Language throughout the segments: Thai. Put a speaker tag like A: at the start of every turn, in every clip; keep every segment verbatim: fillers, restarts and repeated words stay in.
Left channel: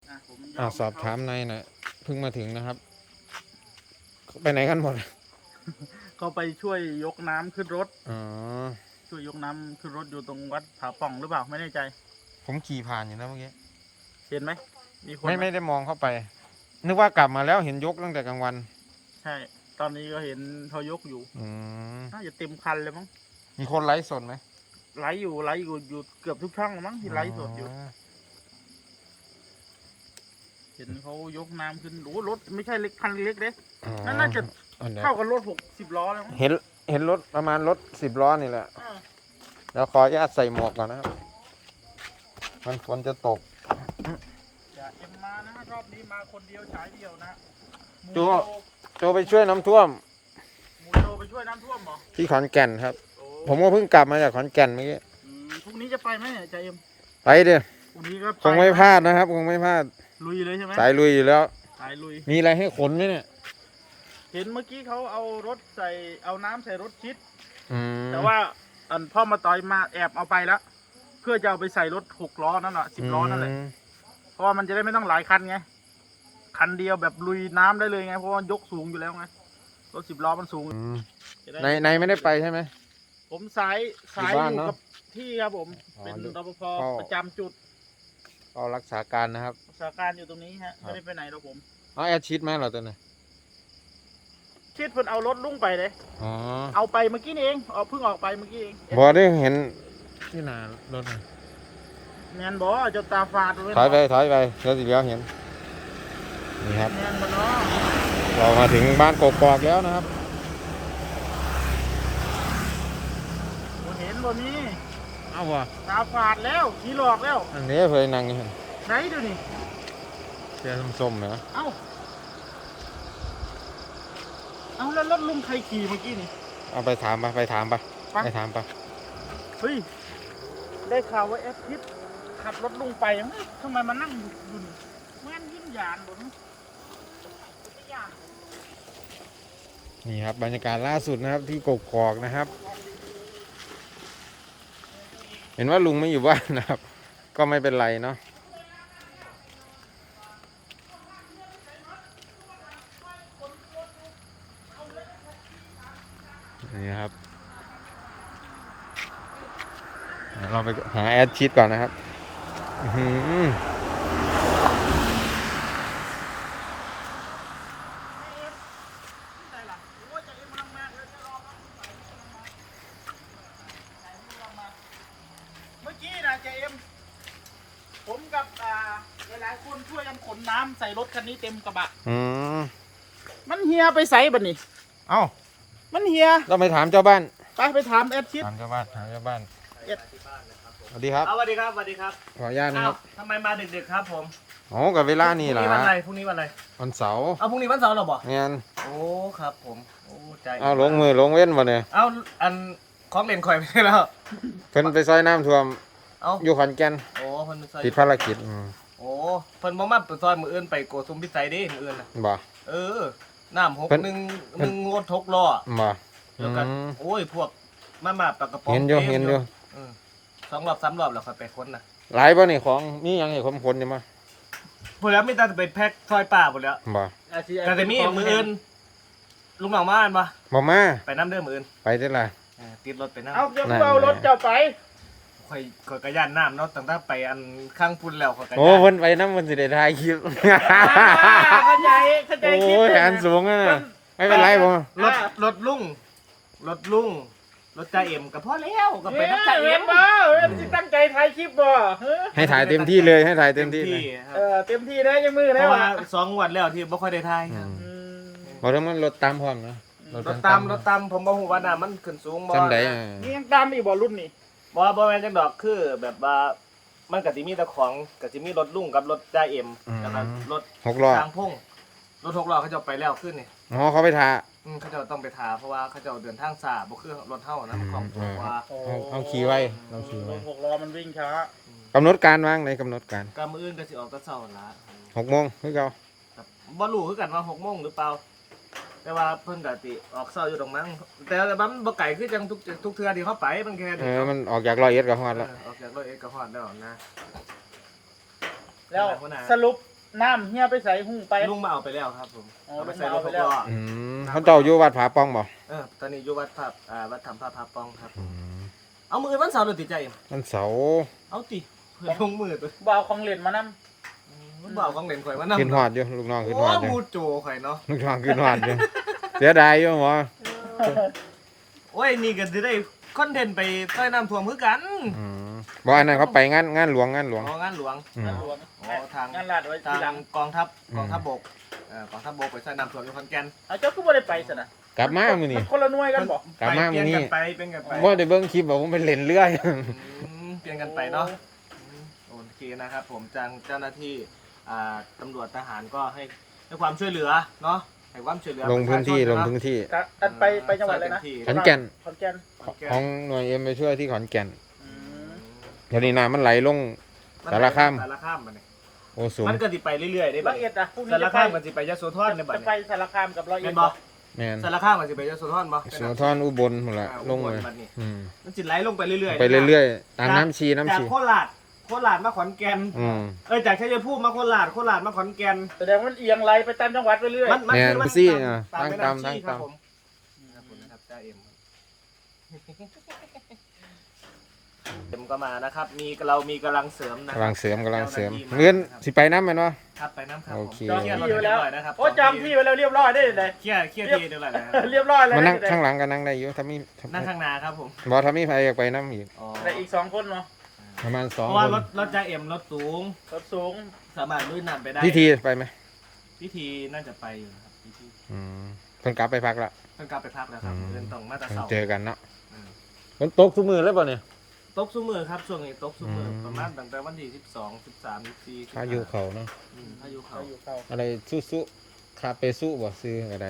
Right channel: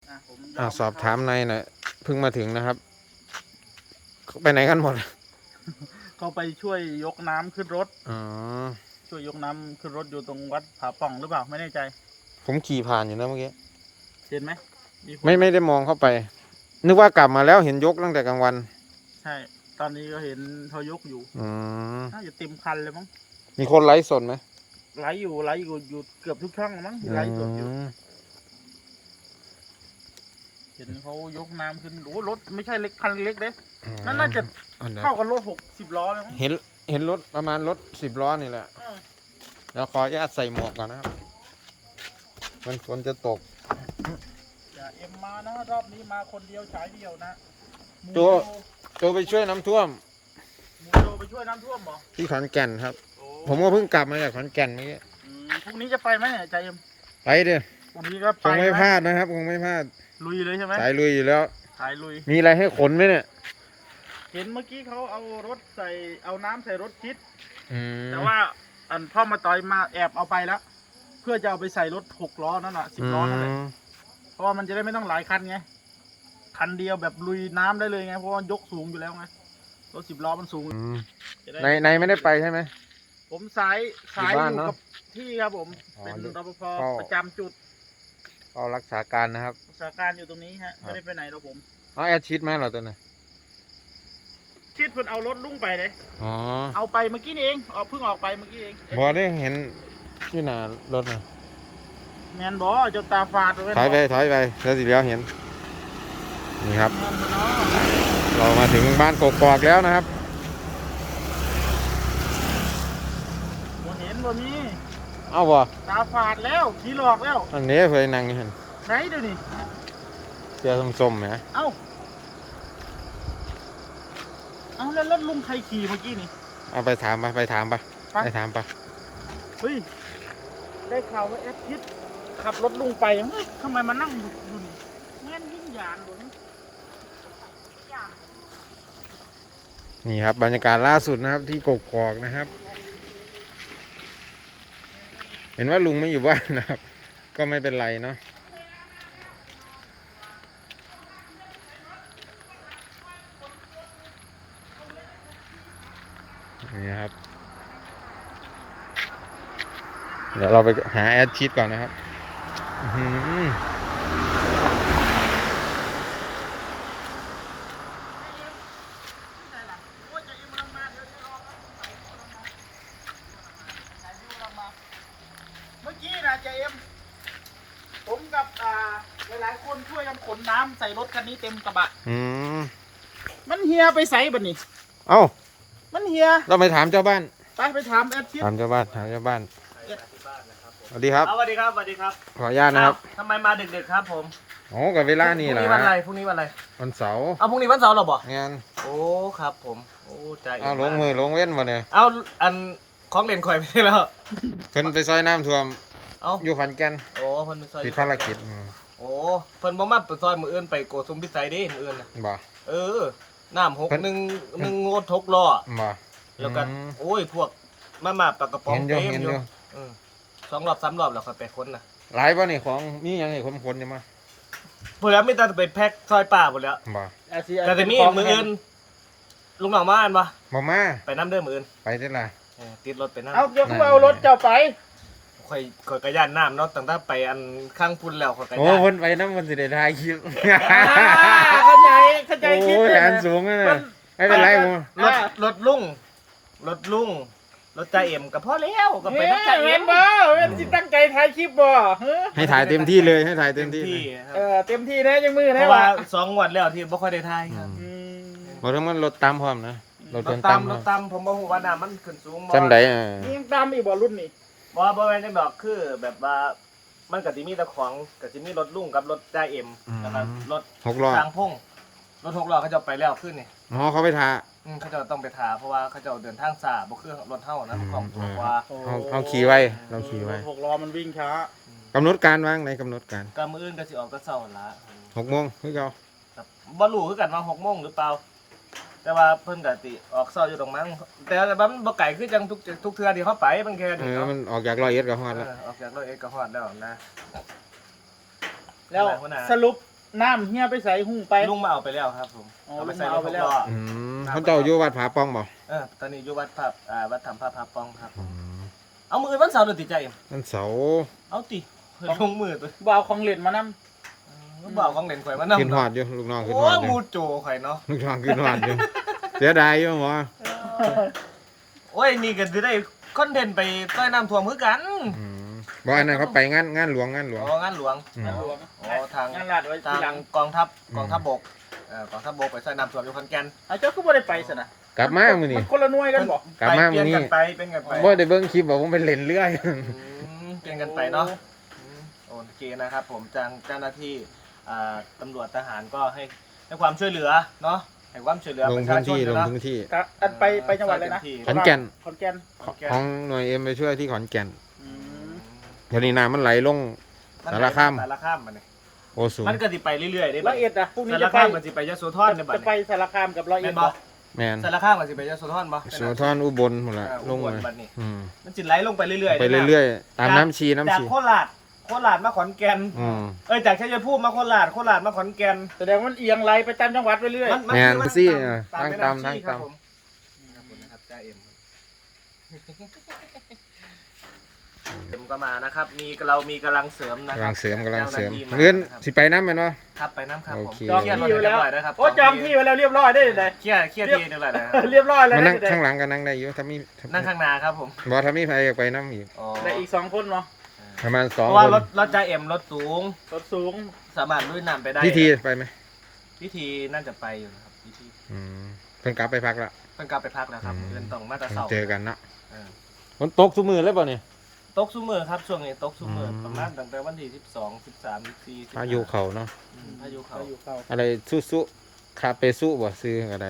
A: อ่ะผมย
B: อ่า
A: อม
B: สอบถามนายหน่อยเพิ่งมาถึงนะครับไปไหนกันหมด
A: เขาไปช่วยยกน้ำขึ้นรถ
B: อ๋อ
A: ช่วยยกน้ำขึ้นรถอยู่ตรงวัดผาป่องหรือเปล่าไม่แน่ใจ
B: ผมขี่ผ่านอยู่นะเมื่อกี้
A: เห็นไหมมีคน
B: ไม่
A: ห
B: ไม่ได้มองเข้าไป นึกว่ากลับมาแล้วเห็นยกตั้งแต่กลางวัน
A: ใช่ ตอนนี้ก็เห็นเขายกอยู่
B: อืม
A: น่าจะเต็มคันเลยมั้ง
B: มีคนไลฟ์สดไหม
A: ไหลอยู่ไหลอยู่อยู่เกือบทุกช่องแล้วมั้งที่ไหลสดอยู่
B: ม
A: เห็นเขายกน้ำขึ้นโอ้รถไม่ใช่เล็กคันเล็กเด้
B: อ๋อ
A: นั่นน่าจะ
B: อันเดียว
A: เท่ากับรถหกสิบล้อเลยมั้ง
B: เห็นเห็นรถประมาณรถสิบล้อนี่แหละ
A: เออ
B: แล้วขออนุญาตใส่หมวกก่อนนะครับมันฝนจะตก
A: อย่าเอ็มมานะรอบนี้มาคนเดียวฉายเดียวนะ
B: โจ โจไปช่วยน้ำท่วม
A: หมูโจไปช่วยน้ำท่วมเหรอ
B: ที่ขอนแก่นครับ
A: โอ้
B: ผมก็เพิ่งกลับมาจากขอนแก่นเมื่อกี้
A: อืมพรุ่งนี้จะไปไหมเนี่ยใจเอ็ม
B: ไปเด้อ
A: พรุ่งนี้ก็
B: คงไม่พลาดนะครับคงไม่พลาด
A: ลุยเลยใช่ไหม
B: สายลุยอยู่แล้ว
A: สายลุย
B: มีอะไรให้ขนไหมเนี่ย
A: เห็นเมื่อกี้เขาเอารถใส่เอาน้ำใส่รถคิด
B: อืม
A: แต่ว่าอันพ่อมาต่อยมาแอบเอาไปแล้ว เพื่อจะเอาไปใส่รถหกล้อนั่นแหละสิบล้อนั่นแหละ
B: ม
A: เพราะว่ามันจะได้ไม่ต้องหลายคันไงคันเดียวแบบลุยน้ำได้เลยไงเพราะว่ายกสูงอยู่แล้วไงรถสิบล้อมันสูง
B: อืม
A: จะด้
B: ในในไม่ได้ไปใช่ไหม
A: ผมสายสาย
B: อยู่
A: อ
B: บ้าน
A: ยู่
B: เนอะ
A: กับที่ครับผม
B: อ๋อ
A: เป็น
B: ดู
A: รปภ
B: เข้า
A: ประจำจุด
B: ก็รักษาการนะครับ
A: รักษาการอยู่ตรงนี้ฮะ
B: ครับ
A: ไม่ได้ไปไหนหรอกผม
B: เอาแอดชีตมาเหรอตัวน่ะ
A: คิดเพิ่นเอารถลุ่งไปเลย
B: อ๋อ
A: เอาไปเมื่อกี้นี่เองเอาเพิ่งออกไปเมื่อกี้เอง
B: บอได้เห็นที่หน้ารถนะ
A: แมนบอเจ้าตาฟาดว้
B: ถอยไปถอยไปแล้วสิเดียวเห็น นี่ครับ
A: แมนบอเนาะ
B: เรามาถึงบ้านกกอกแล้วนะครับ
A: บ่เห็นบ่มี
B: เอาวะ
A: ตาฝาดแล้วผีหลอกแล้ว
B: อันนี้เคยนั่งอยู่เห็น
A: ไหนเดี๋ยวนี้
B: เสื้อส้มๆไหม
A: เอ้าเอาแล้วรถลุงใครขี่เมื่อกี้นี่
B: เอาไปถามปะไปถามปะ
A: ไป
B: ไปถามปะ
A: เฮ้ยได้ข่าวว่าแอดพิษขับรถลุงไปเฮ้ยทำไมมานั่งดูดูนี่แม่นยิ่งหยานบ่นี่
B: นี่ครับบรรยากาศล่าสุดนะครับที่กกอกนะครับ เห็นว่าลุงไม่อยู่บ้านนะครับ ก็ไม่เป็นไรเนาะนี่ครับ เดี๋ยวเราไปหาแอดชีตก่อนนะครับอื้อหือ
A: โอ้ยจะอิ่มกำลังมาเดี๋ยวจะรอครับลุงไปกำลังมาถ่ายวิวกำลังมาเมื่อกี้นะเจเอ็มผมกับอ่าหลายๆคนช่วยกันขนน้ำใส่รถคันนี้เต็มกระบะ
B: อืม
A: มันเฮียไปใส่บัดนี้
B: เอ้า
A: มันเฮีย
B: เราไปถามเจ้าบ้าน
A: ไปไปถามแอดชิด
B: ถามเจ้าบ้านถามเจ้าบ้าน
A: เอ็ด
B: สวัสดีครับ
C: สวัสดีครับสวัสดีครับ
B: ขออนุญาตนะครับ
C: อ้าวทำไมมาดึกๆครับผม
B: โอ้กับเวลานี่
C: พ
B: แห
C: รุ่
B: ละ
C: งนี้วันอะไรพรุ่งนี้วันอะไร
B: วันเสาร์
C: เอาพรุ่งนี้วันเสาร์เหรอบ่
B: เงี้ย
C: โอ้ครับผมโอ้ใจ
B: เอาลงมือลงเว้นมาเลย
C: เอาอันของเล่นข่อยไปได้แล้ว
B: เพิ่นไปซอยน้ำท่วม
C: เอา
B: อยู่ขอนแก่น
C: โอ้เพิ่นไปซอย
B: ติดภารกิจอืม
C: โอ้เพิ่นบ่มาไปซอยมืออื่นไปโกสุมพิสัยเด้มืออื่นน่ะ
B: บ่
C: เออน้ำหก
B: เพิ่น
C: หนึ่งหนึ่งงดทกล้อ
B: บ่
C: แล้วก็
B: อืม
C: โอ้ยพวกมามาปลากระป๋อง
B: เห็นอยู่
C: เต็ม
B: เห็น
C: อ
B: อยู่ ยู่
C: เออสองรอบสามรอบแล้วค่อยไปค้นน่ะ
B: หลายป่ะนี่ของมีหยังให้ผมคนนี่มั้ง
C: พวกแล้วมีแต่ไปแพ็คซอยป่าหมดแล้ว
B: บ่
C: แต่แต่มีมืออื่นลุงหนองมาอันบ่
B: บ่มา
C: ไปน้ำเด้อมืออื่น
B: ไปเท่าไหร่
C: เออติดรถไปน้ำ
A: เอาเดี๋ยวเอารถเจ้าไป
C: ข่อยข่อยกระยานน้ำเนาะตั้งแต่ไปอันข้างพุ่นแล้วข่อยกระ
B: โอ้
C: ยาน
B: เพิ่นไปน้ำมันสิได้ถ่ายคลิป
A: เข้าใจเข้าใจ
B: โอ้
A: คิด
B: ยแขนสูงนะเนี่ยไม่เป็นไรผม
C: รถรถลุงรถลุงรถจ่าเอ็มก็พอแล้วก็ไปน้ำจ่าเอ็ม
A: บ่เอ็มที่ตั้งใจถ่ายคลิปบ่เฮ้ย
B: ให้ถ่ายเต็มที่เลยให้ถ่ายเต็มที่เลย
C: ครับ
A: เออเต็มที่นะยังมือนะ
C: เพราะว่าสองงวันแล้วที่บ่ค่อยได้ทาย
B: อื
C: ครับ
B: ม
A: อืม
B: บ่ทั้งมันรถตามพร้อมนะรถ
C: ร
B: จ
C: ถ
B: น
C: ตา
B: ตาม ม
C: รถตามผมบ่ฮู้ว่าน้ำมันขึ้นสูงบ่
B: จำได้อ่า
A: นี่ยังตามอีกบ่รุ่นนี่
C: บ่บ่แม่นจังดอกคือแบบว่ามันก็สิมีแต่ของก็สิมีรถลุงกับรถจ่าเอ็มแล้วก็รถ
B: หกล้อ
C: ทางพงรถหกล้อเขาจะไปแล้วขึ้นนี่
B: อ๋อเขาไปถ่า
C: อืมเขาจะต้องไปทาเพราะว่าเขาจะเดินทางสาบ่คือรถเฮานะมันของตัวกว่า
B: เอาเอาขี่ไว้เราขี่ไว้
A: หกล้อมันวิ่งช้าก
B: ำหนดการวางในกำหนดการ
C: ก็มื้ออื่นก็สิออกแต่เช้าหั่นล่ะ
B: หกโมงคือเรา
C: ครับบ่รู้คือกันว่าหกโมงหรือเปล่า แต่ว่าเพิ่นก็สิออกเช้าอยู่ตรงมั้งแต่ว่ามันบ่ไกลคือจังทุกทุกเทื่อที่เขาไปมันแค่
B: เอ
C: นี้
B: อ
C: เนาะ
B: มันออกจากร้อยเอ็ดกับฮอดแล้ว
C: เออออกจากร้อยเอ็ดก็ฮอดแล้วนะ
A: แล้ว
C: อะไรหัวหน้า
A: สรุปน้ำเฮียไปใส่หูไป
C: ลุงมาเอาไปแล้วครับผม
A: อ๋อ
C: เอาไปใส่รถ
A: ลุ
C: ห
A: ง
C: ก
A: มา
C: ล้อ
A: เอาไปแล้ว
B: อืมเขาเจ้าอยู่วัดผาป้องบ่
C: เออตอนนี้อยู่วัดภาพอ่าวัดธรรมภาพภาพปองครับ
B: อืม
C: เอามือวันเสาร์หรือติดใจเอ็ม
B: วันเสาร์
C: เอาติเฮ้ยลงมือตัว
A: บ่เอาของเล่นมานำ
C: เออบ่าวของเล่นข่อยมานำ
B: ขึ้นหอดอยู่ลูกน้องขึ้น
C: โอ้
B: หอดอยู่
C: มูโจข่อยเนาะ
B: ลูกน้องขึ้นหอดอยู่เสียดายอยู่หมอ
C: โอ้ยนี่ก็จะได้คอนเทนต์ไปต้อยน้ำท่วมคือกัน
B: อืมบ่อันนั้นเขาไปงานงานหลวงงานหลวง
C: อ๋องานหลวง
B: อืม
C: อ๋อทาง
A: งานลาดไว้ที
C: ทาง
A: หลัง
C: กองทัพ
B: อืม
C: กองทัพบกเอ่อกองทัพบกไปใส่น้ำท่วมอยู่ขอนแก่น
A: เอาเจ้าก็บ่ได้ไปซะนะ
B: กลับมามื้อนี้
A: คนละหน่วยกันบ่
B: กลับมามื้อนี้
C: ไปเปลี่ยนกันไป
B: บ่ได้เบิ่งคลิปว่าผมไปเล่นเรืออยู่
C: อืมเปลี่ยนกันไปเนาะอืมโอเคนะครับ ผมจังเจ้าหน้าที่อ่าตำรวจทหารก็ให้ให้ความช่วยเหลือเนาะให้ความช่วยเหลือ
B: ล
C: ป
B: ง
C: ระชา
B: พื้น
C: ชน
B: ที่ลง
C: เนาะ
B: พื้นที่
A: ครับอันไปไปจังหวัดอะไรนะ
B: ขอนแก่น
A: ขอนแก่น
C: ขอนแก่น
B: ของหน่วยเอ็มไปช่วยที่ขอนแก่น
A: อื
C: อื
A: ม
C: ม
B: เดี๋ยวนี้น้ำมันไหลลง สารคาม
C: สารคามมันนี่
B: โอ้สูง
C: มันก็สิไปเรื่อยๆได้บั
A: ร้
C: ด
A: อย
C: นี้
A: เอ็ดอ่ะพรุ่งนี้
C: สาร
A: จะไป
C: คามก็สิไปยโสธรได้บัด
A: จะไป
C: นี้
A: สารคามกับร้อยเอ็
C: แม่
A: ด
C: นบ่
B: แม่น
C: สารคามก็สิไปยโสธรบ่
B: สุนทรอุบลหมดละ
C: อ่า
B: ลง
C: อุบ
B: เลย
C: บัดนี้
B: อืม
C: มันสิไหลลงไปเรื่อยๆ
B: ไปเรื่อยๆตามน้ำชีน้ำ
C: จาก
B: ชี
C: โคราชโคราชมาขอนแก่น
B: อืม
C: เอ้ยจากชัยภูมิมาโคราชโคราชมาขอนแก่น
A: แสดงว่ามันเอียงไหลไปตามจังหวัดไปเรื่อย
C: มัน
B: แม่น
C: มัน
B: ซี่
C: มัน
B: อ่ะ
C: ตาม
B: ทาง
C: แม่
B: ตาม
C: น้ำ
B: ทาง
C: ชี้ค
B: ตา
C: รับ
B: ม
C: ผมนี่ครับผมนะครับจ้าเอ็มเอ็มก็มานะครับ มีเรามีกำลังเสริมนะค
B: กำ
C: รั
B: ลั
C: บ
B: งเสริมกำลังเสริม
C: จ้าหน้าที่า
B: เงิน
C: ครับ
B: สิไปน้ำแม่นวะ
C: ครับไปน้ำครับผม
B: โอเค
A: จอง
C: เคลียร์รถ
A: ที่
C: ให้
A: ไว้
C: เรีย
A: แล้
C: บ
A: ว
C: ร้อยนะครับ
A: โอ้จองที่ไว้แล้วเรียบร้อยได้เลย
C: เคลียร์เคลียร์ทีเรียบร้อยแล้วครับ
A: เรียบร้อยแล้ว
B: มานั่ง
A: ได้
B: ข้างหลังก็นั่งได้อยู่ถ้ามีถ้า
C: นั่งข้างหน้าครับผม
B: บ่ถ้ามีใครอยากไปน้ำอีก
C: อ๋อ
A: ได้อีกสองคนเนาะ
B: ประมาณสอง
C: เพราะว่า
B: คน
C: รถรถจ้าเอ็มรถสูง
A: รถสูง
C: สามารถลุยน้ำไปได้
B: พิธีไปไหม
C: พิธีน่าจะไปอยู่นะครับพิธี
B: อืมเพิ่นกลับไปพักละ
C: เพิ่งกลับไปพักแล้วครับ
B: อืม
C: เดินตรงมาตรา
B: เพิ่ง
C: เสา
B: เจอกันเนาะ
C: เออ
B: ฝนตกทุกมือแล้วป่ะเนี่ย
C: ตกซุมือครับช่วงนี้ตกซุมืออ
B: ม
C: ประมาณตั้งแต่วันที่สิบสองสิบสามสิบสี่
B: พายุเขาเนาะ
C: อืมพายุเขา
A: อยู่เข้า
B: อะไรซุซุคาเปซุบ่ซื้ออะไร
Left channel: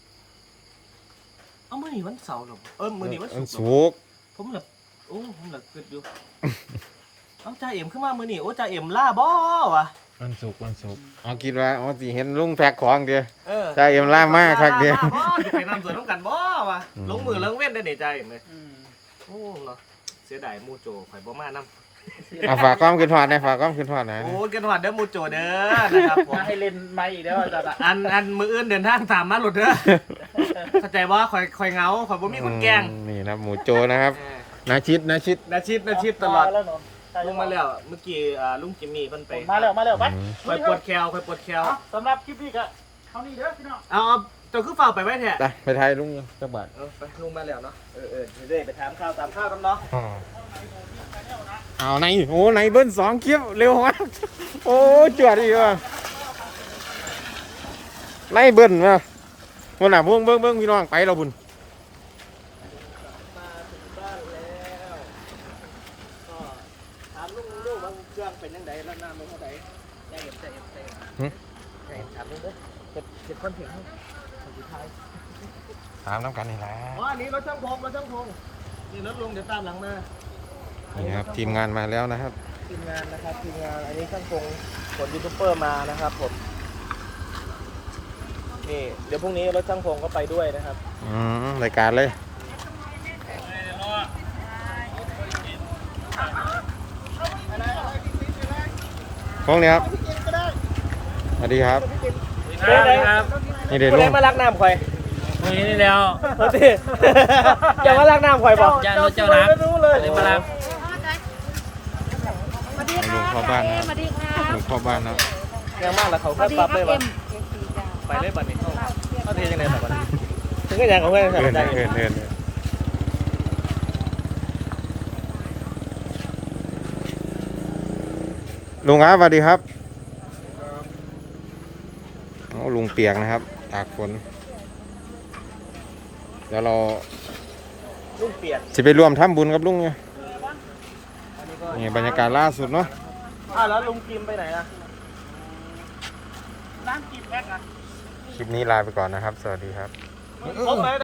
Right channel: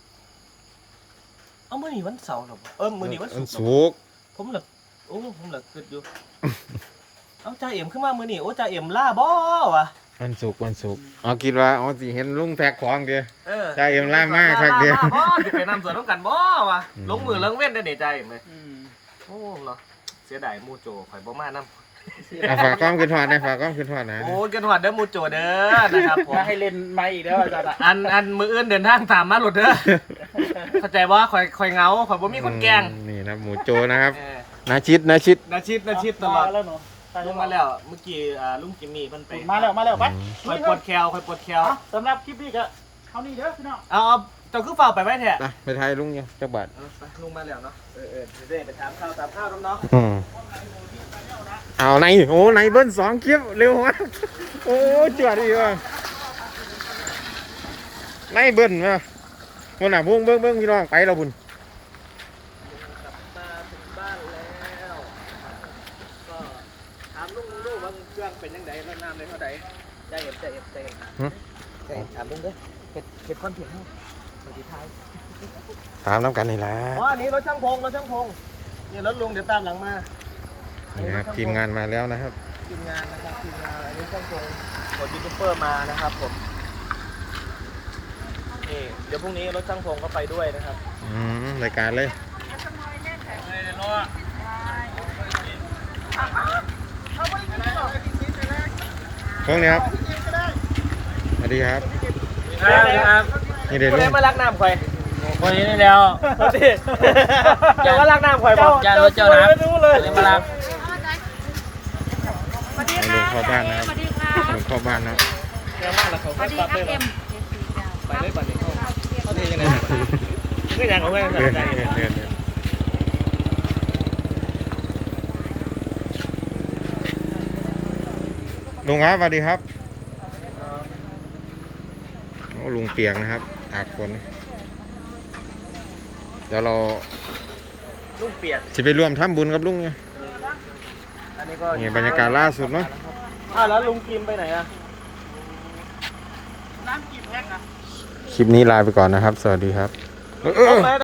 C: เอ้ามื้อนี้วันเสาร์เหรอเออมื้อนี้วันศุกร์เหรอ
B: สุกร์
C: ผมเหลือโอ้ผมเหลือคิดอยู่ เอ้าจ่าเอ็มขึ้นมามื้อนี้โอ้จ่าเอ็มล่าบ่วะ
B: วันศุกร์วันศุกร์เอาคิดว่าอ๋อสิเห็นลุงแพ็คของเดียว
C: เออ
B: จ่าเอ็มล่ามากครับเดียว
C: ล่าบ่สิไปนำสวนน้ำกันบ่วะ
B: อืม
C: ลงมือเลิงเว้นได้นี่จ่าเอ็มเลย
A: อืม
C: โอ้เนาะเสียดายหมู่โจข่อยบ่มานำ
B: เอาฝากความคืนทอดนะฝากความคืนทอดนะ
C: โอ้ยกันหวัดเด้อหมู่โจเด้อนะครับผม
A: มาให้เล่นไม่อีกแล้วอาจารย์อะ
C: อันอันมืออื่นเดินทางตามมาหลุดเด้อ เข้าใจว่าข่อยข่อยเหงาข่อยบ่มีคนแกล้ง
B: อืมนี่นะหมูโจนะครับ
C: เออ
B: นาชิดนาชิด
C: นาชิดนาชิดตลอด
A: แล้วเนาะ
C: ลุงมาแล้วเมื่อกี้อ่าลุงจิมมี่เพิ่นไป
A: มาแล้วมาแล้วไป
B: อืม
C: ข่อยปวดแคลข่อยปวดแคล
A: เอาสำหรับคลิปนี้ก็เท่านี้เด้อพี่น้อง
C: เอาเอาเจ้าคือเฝ้าไปไว้แท้
B: ไปไปไทยลุงยังจักบาท
C: เออไปลุงมาแล้วเนาะเออเออเดี๋ยวไปถามข้าวถามข้าวกันเนาะ
B: อืมเอาไหนโอ้ไหนเบิ้ลสองคลิปเร็วมากโอ้จวดอีกว่ะไหนเบิ้ลมาวันน่ะพวกเบิ้งเบิ้งพี่น้องไปเราบุญ
C: มาถึงบ้านแล้วก็ถามลุงลุงว่าเครื่องเป็นยังไงแล้วน้ำในเท่าไหร่ใจเย็นใจเย็นใจเย็นเอ้ยถามลุงเด้อเป็นเป็นความเพียรเฮาขอสุดท้าย
B: ถามน้ำกันนี่แหละ
C: อ๋ออันนี้รถช่างพงรถช่างพงเนี่ยรถลุงเดี๋ยวตามหลังมา
B: นี่นะครับทีมงานมาแล้วนะครับ
C: ทีมงานนะครับทีมงานอันนี้ช่างพงเดี๋ยวยูทูบเบอร์มานะครับผมนี่เดี๋ยวพรุ่งนี้รถช่างพงก็ไปด้วยนะครับ
B: อืมรายการเลยพวกนี้ครับสวัสดีครับ
C: ครับครับ
B: นี่เด็ดลุง
C: มารักน้ำข่อย
D: วันนี้นี่แล้ว
C: รถที่จะมารักน้ำข่อยบอก
D: ย่านรถเจ้านักเลยมาลัก
B: เอาลุงเข้าบ้านนะครับลุงเข้าบ้านนะ
C: เดี๋ยวมาแล้วเขาก็ปั๊บเลยวะไปเลยบัดนี้เข้าเข้าเทยังไงแบบนี้ถึงก็ยังกับเพื่อน
B: เดินเดินเดินเดินลุงครับสวัสดีครับโอ้ลุงเปียกนะครับตากฝนเดี๋ยวเรา
C: ลูกเปียก
B: จะไปร่วมทำบุญกับลุงเนี่ย
C: อันนี้ก็
B: นี่บรรยากาศล่าสุดเนาะ
C: อ้าวแล้วลุงกินไปไหนอะ
A: น้ำกี่แพ็คอะ
B: คลิปนี้ลาไปก่อนนะครับ สวัสดีครับ